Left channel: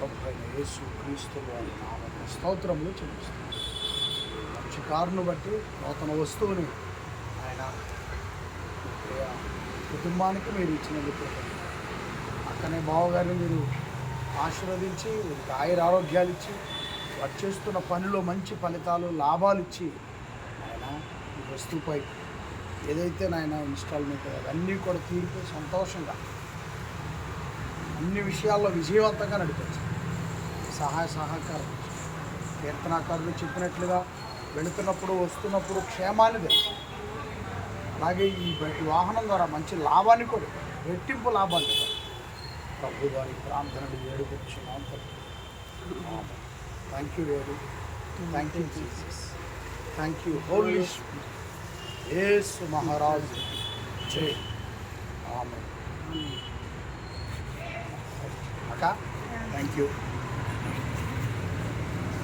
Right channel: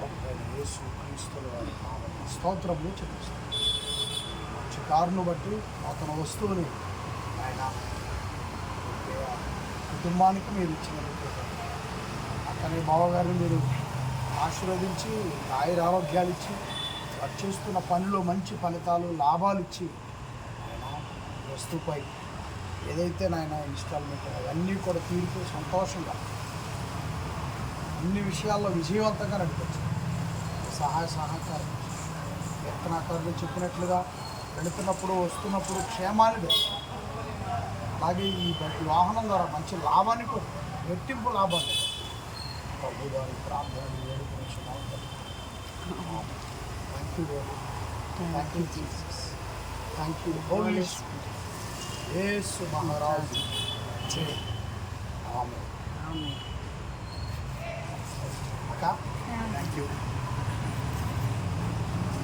ప్రభు యేసు క్రీస్తుల వారి స్తోత్రములు చెల్లిస్తున్నాను మంచి కారును బట్టి నూతన వస్తువుని ఆయన కుటుంబానికి మీరు ఇచ్చినందుకు అతనే బావగారిని మీరు ఆశీర్వదించి ఆయుర ఆరోగ్యాలు ఇచ్చి వారు చేస్తున్న పనిలో మంచి ఫలితాలు లాభాలు ఇచ్చి ఆయన వస్తువుపై ఏదైతే నాయన ఇన్స్టాల్మెంట్ అవన్నీ కూడా తీరిపోయి సంతోషంగా అన్ని విషయాల్లో విజయవంతంగా నడిపించారు. సహాయ సహకారం. కీర్తనాకారులు చెప్పినట్లుగా వెళుతున్నప్పుడు వస్తున్నప్పుడు క్షేమాన్ని అలాగే ఈ వాహనం ద్వారా మంచి లాభాన్ని కూడా రెట్టింపు లాభాన్ని కూడా. ప్రభు వారి ప్రార్థనలు వేడుకొచ్చున్నాం thank you very thank you Jesus thank you holy Yesu మహారాజు జై ఆమె ఆమె అక్క థ్యాంక్ యూ